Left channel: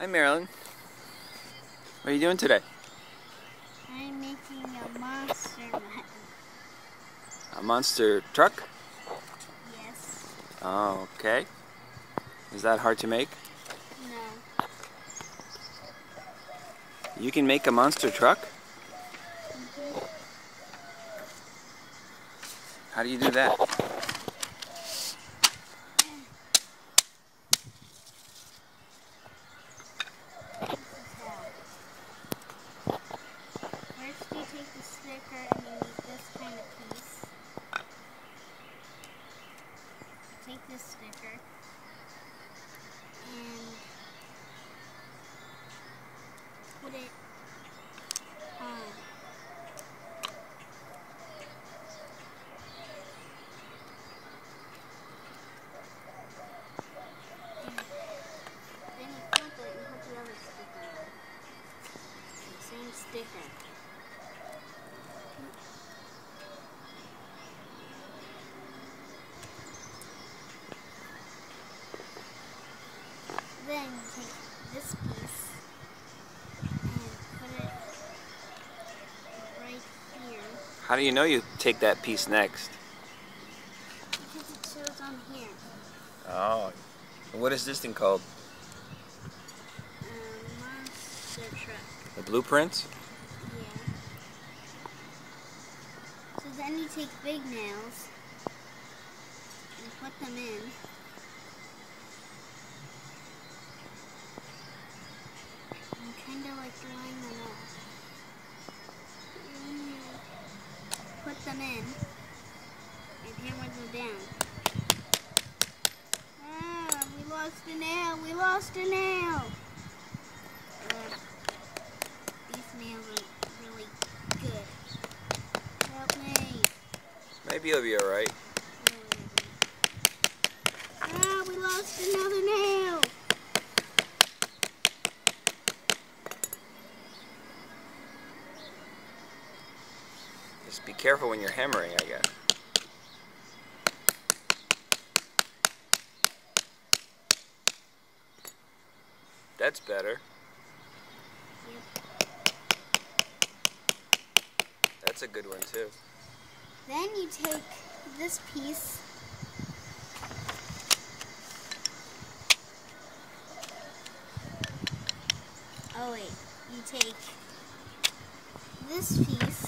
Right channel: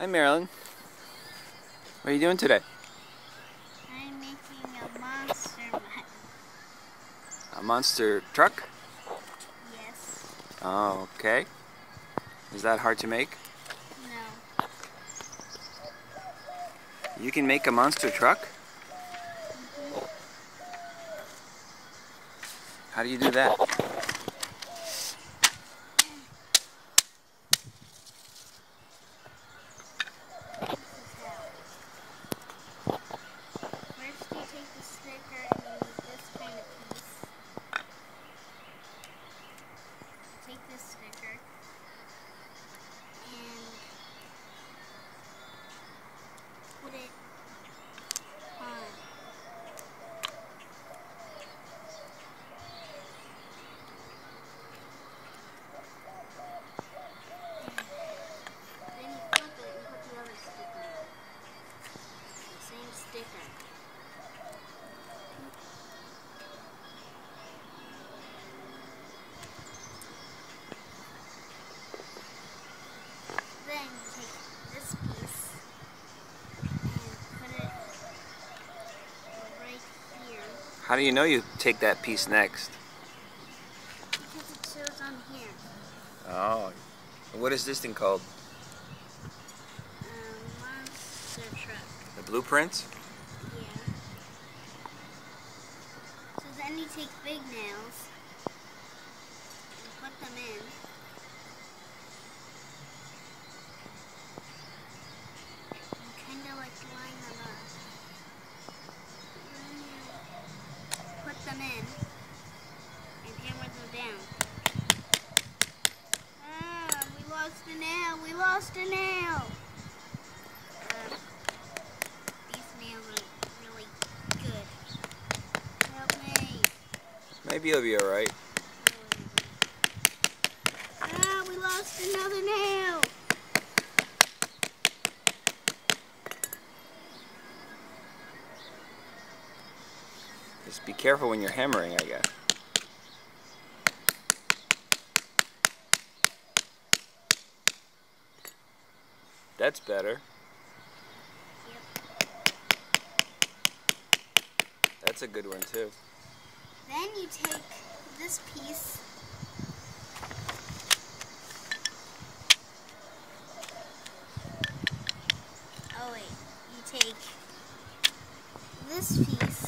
Hi, Marilyn. What are you doing today? I'm making a monster Mutt. A monster truck? Yes. Oh, okay. Is that hard to make? No. You can make a monster truck? Mm-hmm. How do you do that? First you take the sticker and you use this kind of piece. Take this sticker and put it on. Then you flip it and put the other sticker on. The same sticker. Then you take this piece and put it right here. How do you know you take that piece next? Because it shows on here. Oh. What is this thing called? Monster truck. The blueprints? Yeah. So then you take big nails and put them in. And kind of like line them up. Then you put them in and hammer them down. Ah, we lost a nail. We lost a nail. These nails are really good. Help me. Maybe you'll be alright. Ah, we lost another nail. Just be careful when you're hammering, I guess. That's better. Yep. That's a good one, too. Then you take this piece oh wait, you take this piece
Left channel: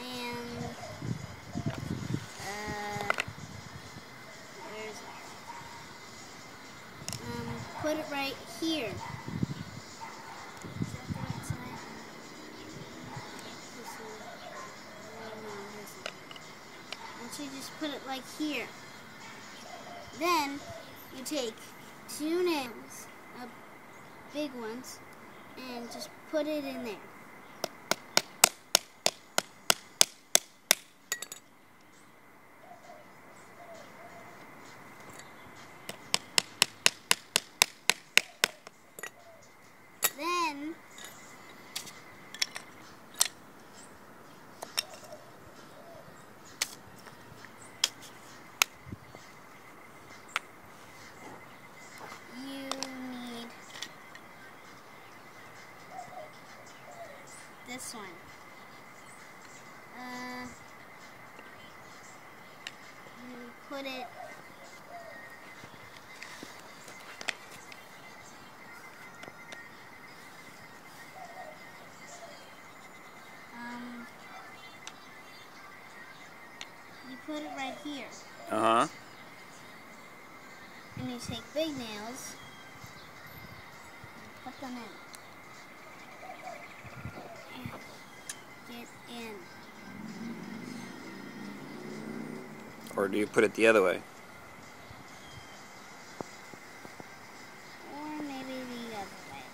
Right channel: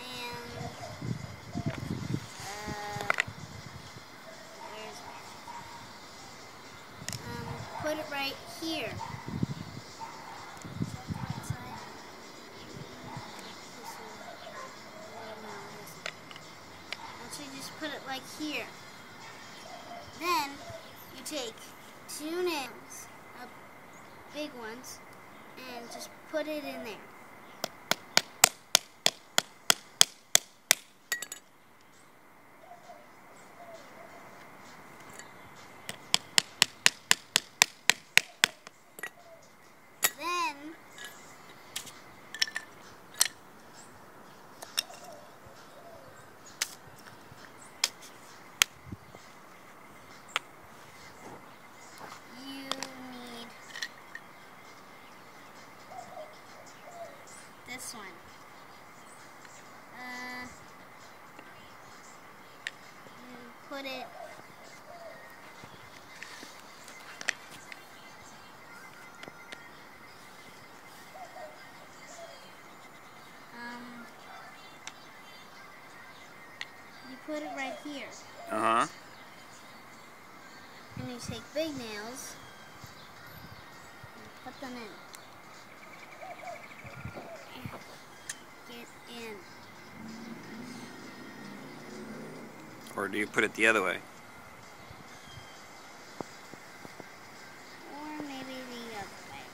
and where is it? Put it right here. Is that the right side? This one. No, this one. And so just put it like here. Then you take 2 nails, big ones, and just put it in there. Then you need this one. You put it right here. Uh-huh. And you take big nails and put them in. Get in. Or do you put it the other way? Or maybe the other way.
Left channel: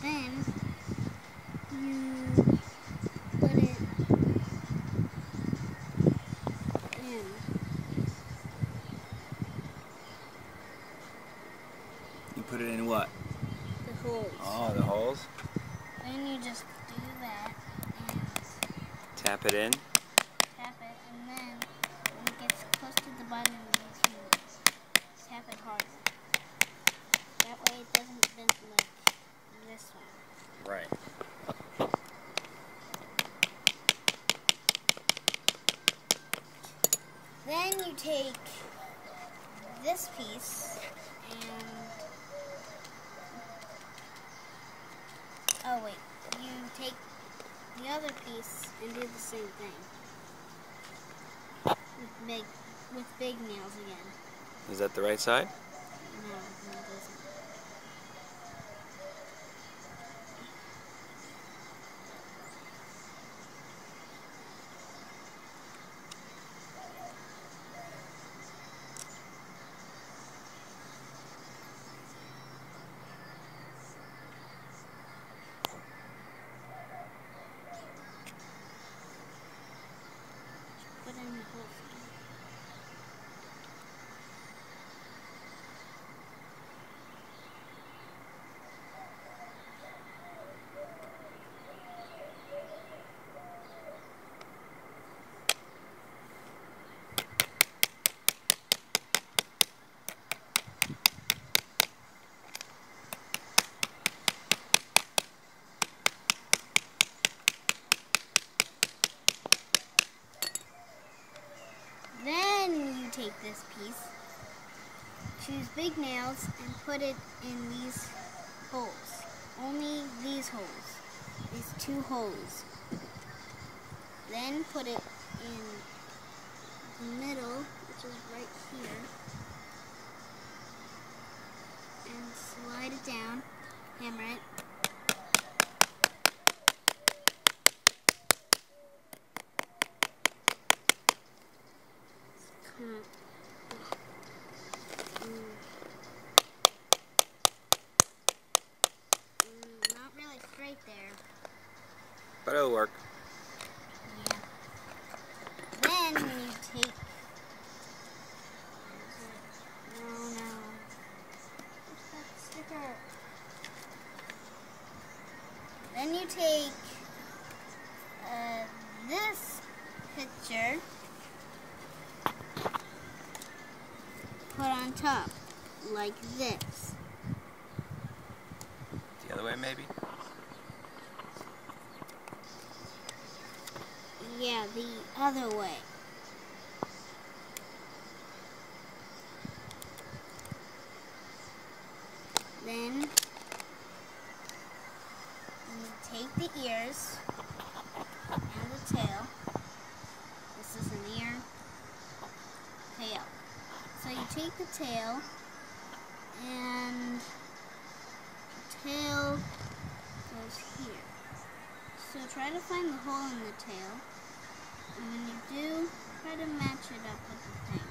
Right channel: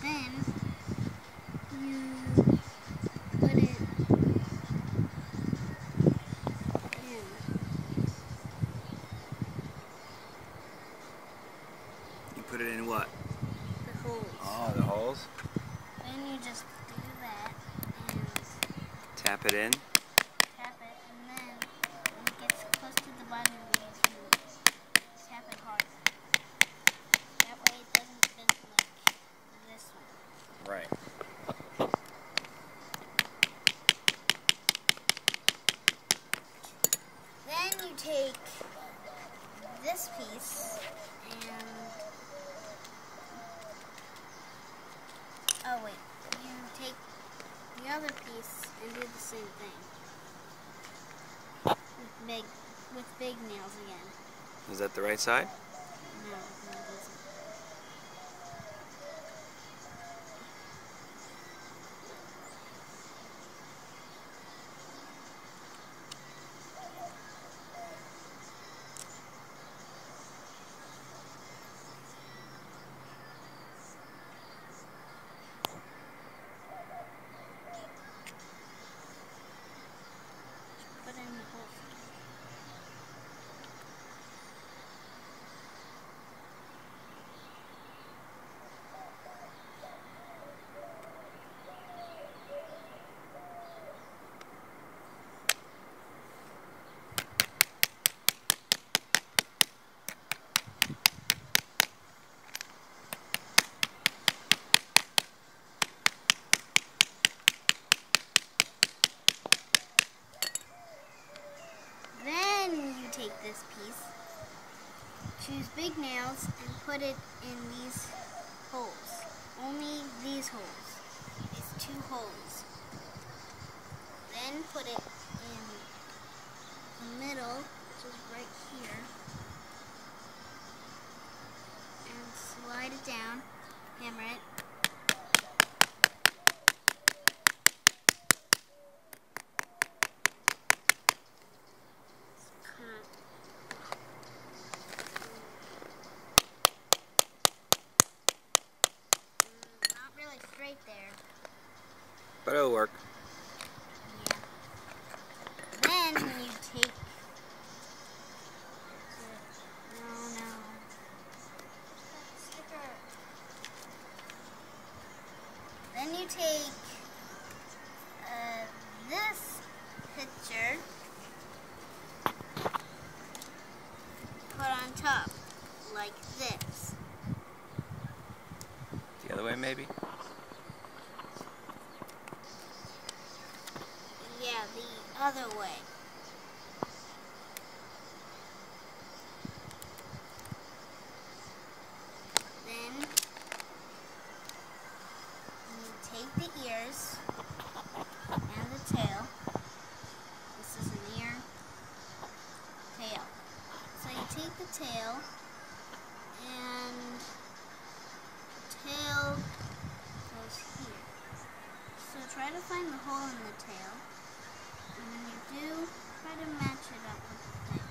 Then In what? The holes. Oh, the holes? Then you just do that and tap it in. Tap it, and then when it gets close to the bottom, you need to tap it harder. That way it doesn't bend like this one. Right. Then you take this piece and you take the other piece and do the same thing with big nails again. Is that the right side? No, it isn't. Put in the hole. Then you take this piece, choose big nails, and put it in these holes. Only these holes. These two holes. Then put it in the middle, which is right here, and slide it down, hammer it. Not really straight there. But it'll work. Yeah. Then you take... No. Where's that sticker? Then you take this picture, put on top, like this. The other way, maybe? Yeah, the other way. Then you take the ears and the tail. This is an ear, tail. So you take the tail, and the tail goes here. So try to find the hole in the tail. And when you do, try to match it up with the thing.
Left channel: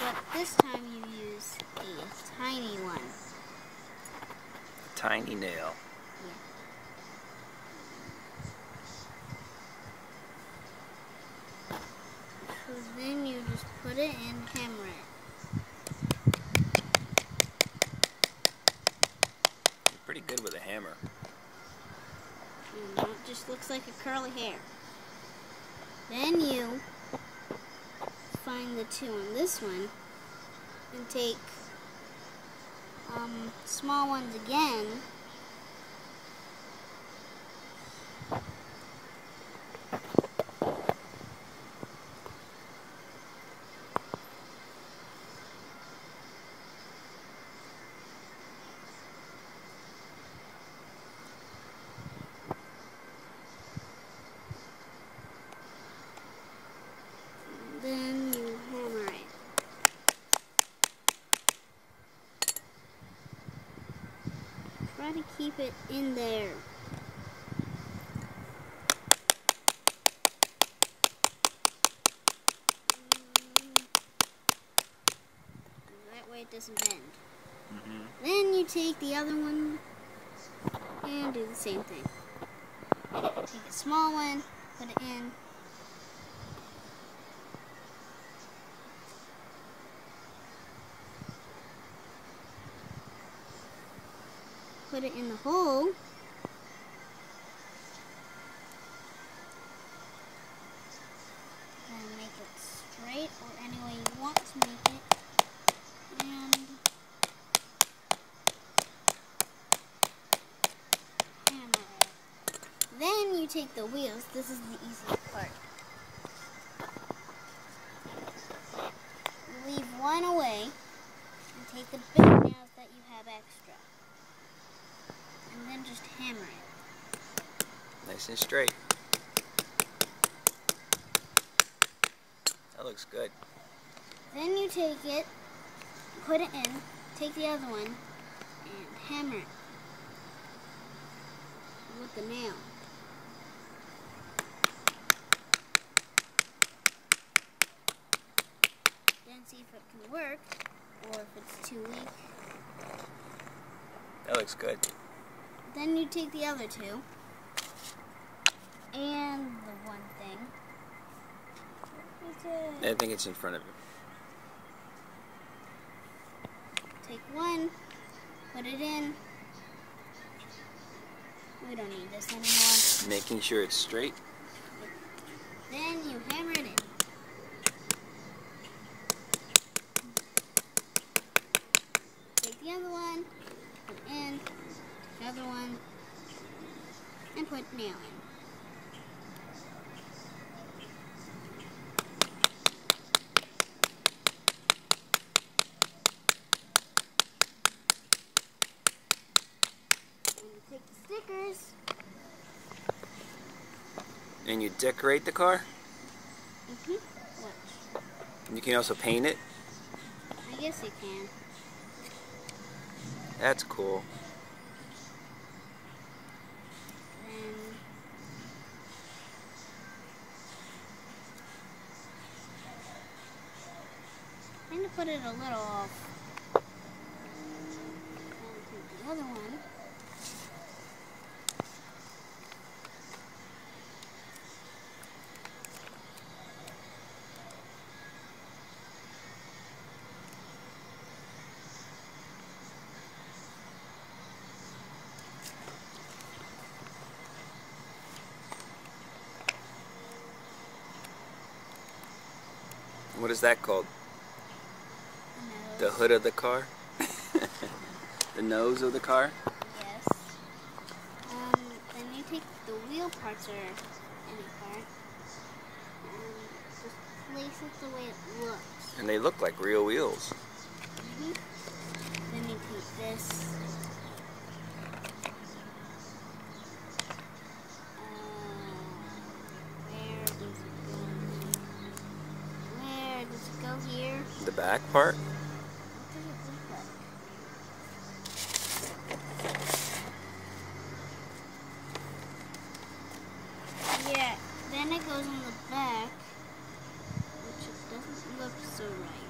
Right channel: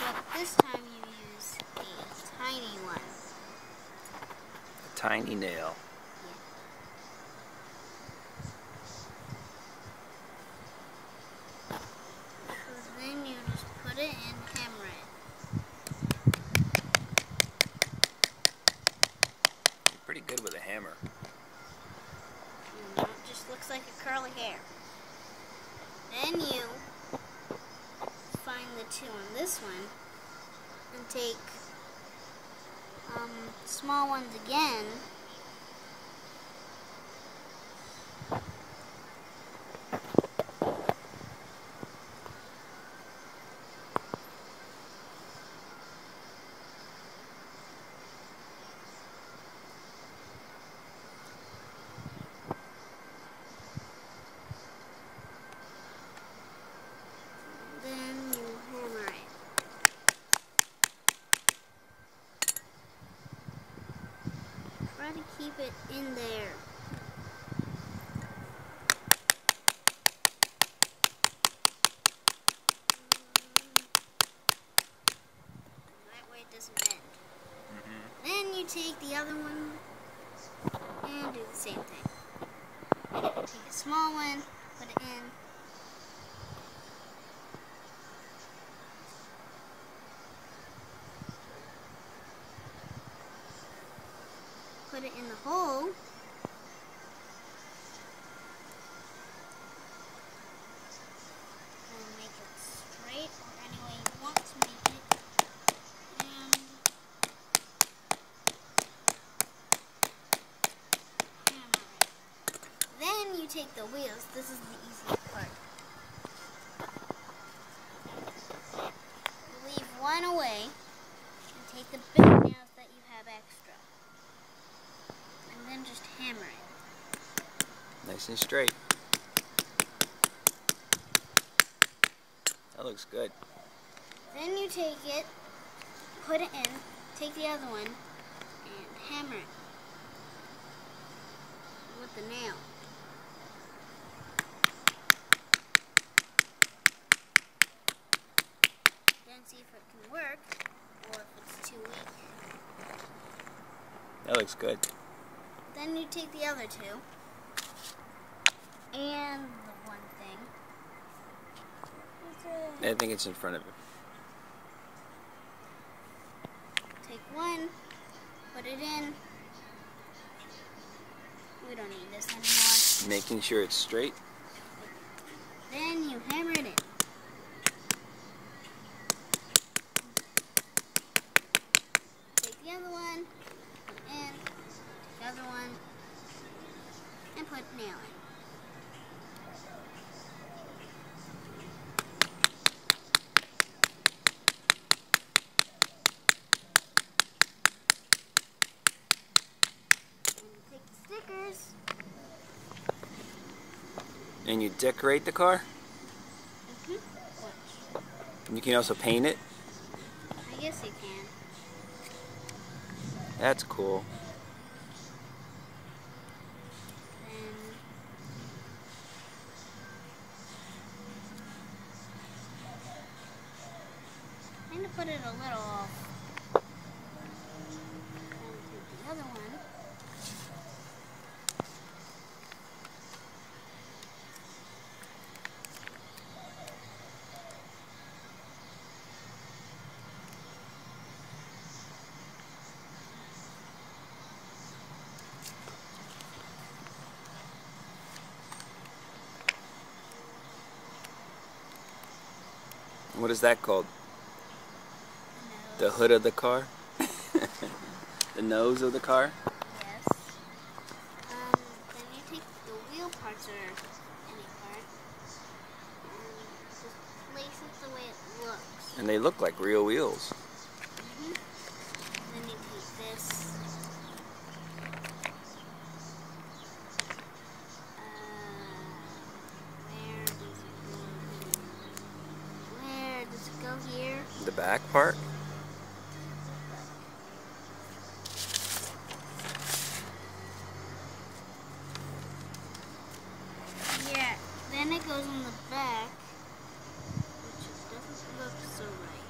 But this time you use a tiny one. A tiny nail. Yeah. So then you just put it in, hammer it. You're pretty good with a hammer. And now it just looks like a curly hair. Then you find the two on this one and take small ones again. Then you hammer it. Try to keep it in there. That way it doesn't bend. Then you take the other one and do the same thing. Take a small one, put it in. put it in the hole. And make it straight or any way you want to make it. And hammer it. Then you take the wheels. This is the easiest part. You leave one away and take the big nails that you have extra. And then just hammer it. Nice and straight. That looks good. Then you take it, put it in, take the other one, and hammer it with the nail. Then see if it can work, or if it's too weak. That looks good. Then you take the other two, and the one thing. I think it's in front of you. Take one, put it in. We don't need this anymore. Making sure it's straight. Then you hammer it in. Take the other one, put it in, the other one, and put nail in. Stickers. And you decorate the car? Watch. And you can also paint it? I guess you can. That's cool. I'm going to put it a little off. And put the other one. What is that called? The hood of the car? The nose of the car? Yes. Then you take the wheel parts or any part and just place it the way it looks. And they look like real wheels. Then you take this. Where does it go here? The back part? Yeah, then it goes on the back, which it doesn't look so right.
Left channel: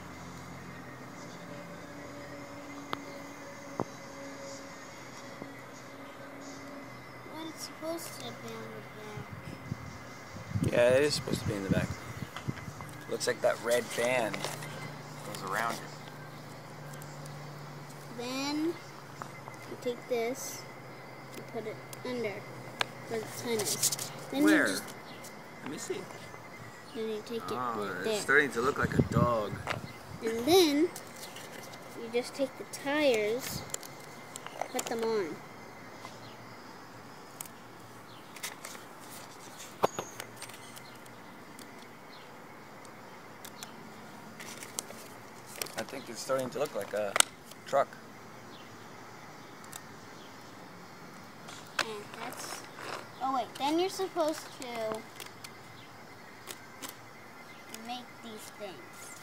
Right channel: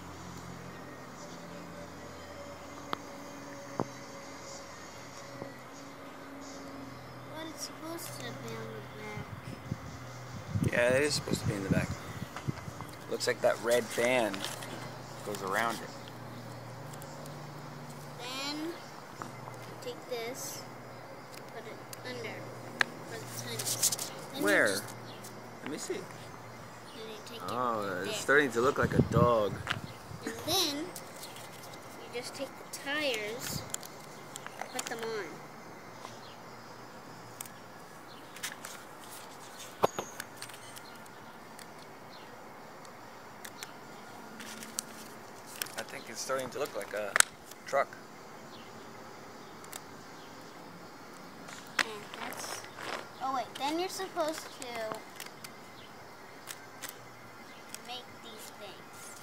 But it's supposed to be on the back. Yeah, it is supposed to be in the back. Looks like that red band goes around it. Then you take this and put it under where the tin is. Then Where? You just, Let me see. then you take it Oh, there. it's starting to look like a dog. And then you just take the tires, put them on. I think it's starting to look like a truck. Oh wait, then you're supposed to make these things.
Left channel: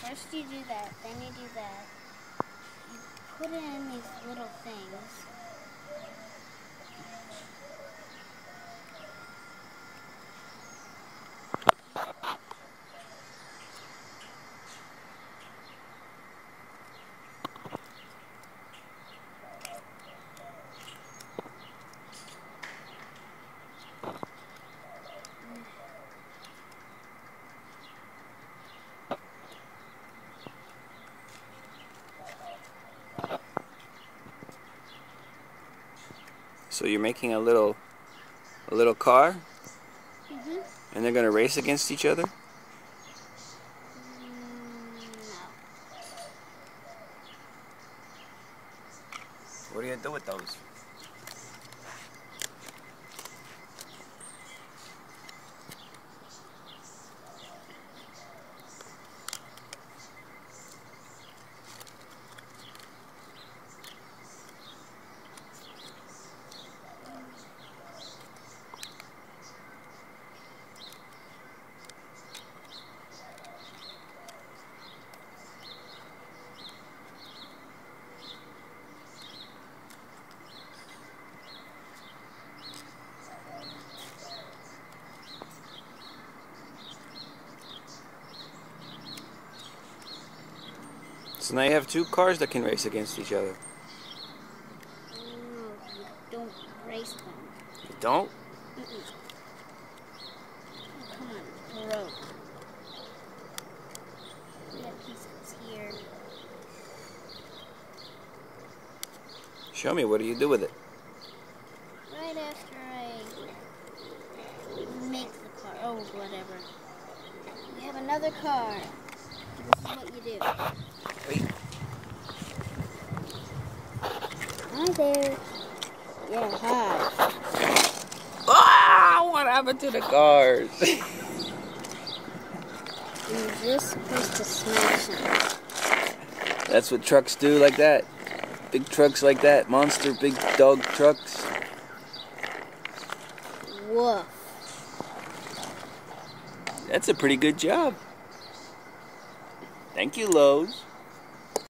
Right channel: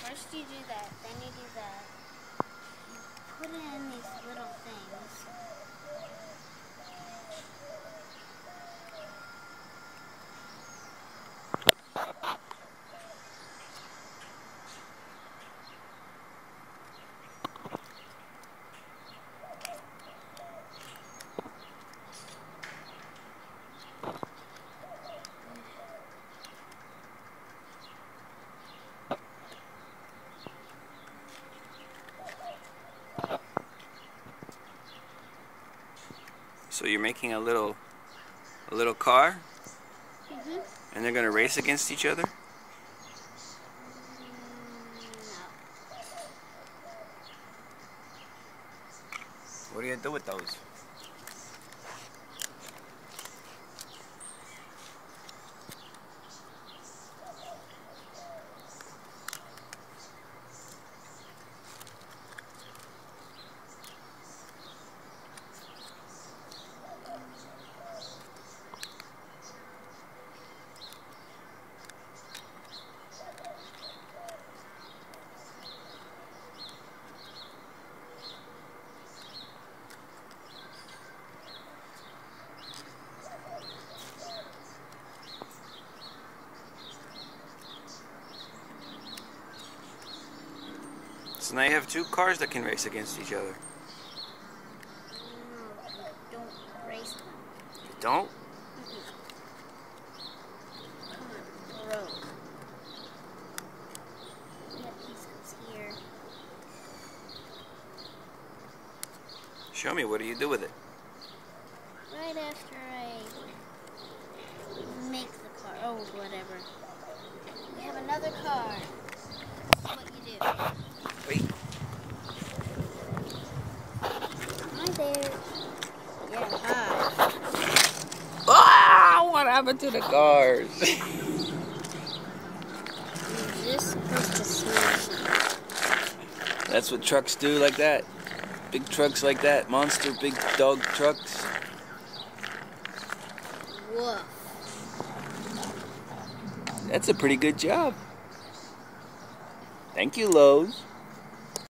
First you do that, then you do that. You put in these little things. So you're making a little car? Mm-hmm. And they're gonna race against each other? No. What do you do with those? So now you have two cars that can race against each other. No, you don't race them. You don't? Mm-mm. Come on, broke. That piece goes here. Show me, what do you do with it? Right after I make the car. Oh, whatever. We have another car. This is what you do. Wait. Hi there. Yeah, hi. Ah! What happened to the cars? You're just supposed to smash them. That's what trucks do, like that. Big trucks like that. Monster big dog trucks. Woof. That's a pretty good job. Thank you, Lowe's.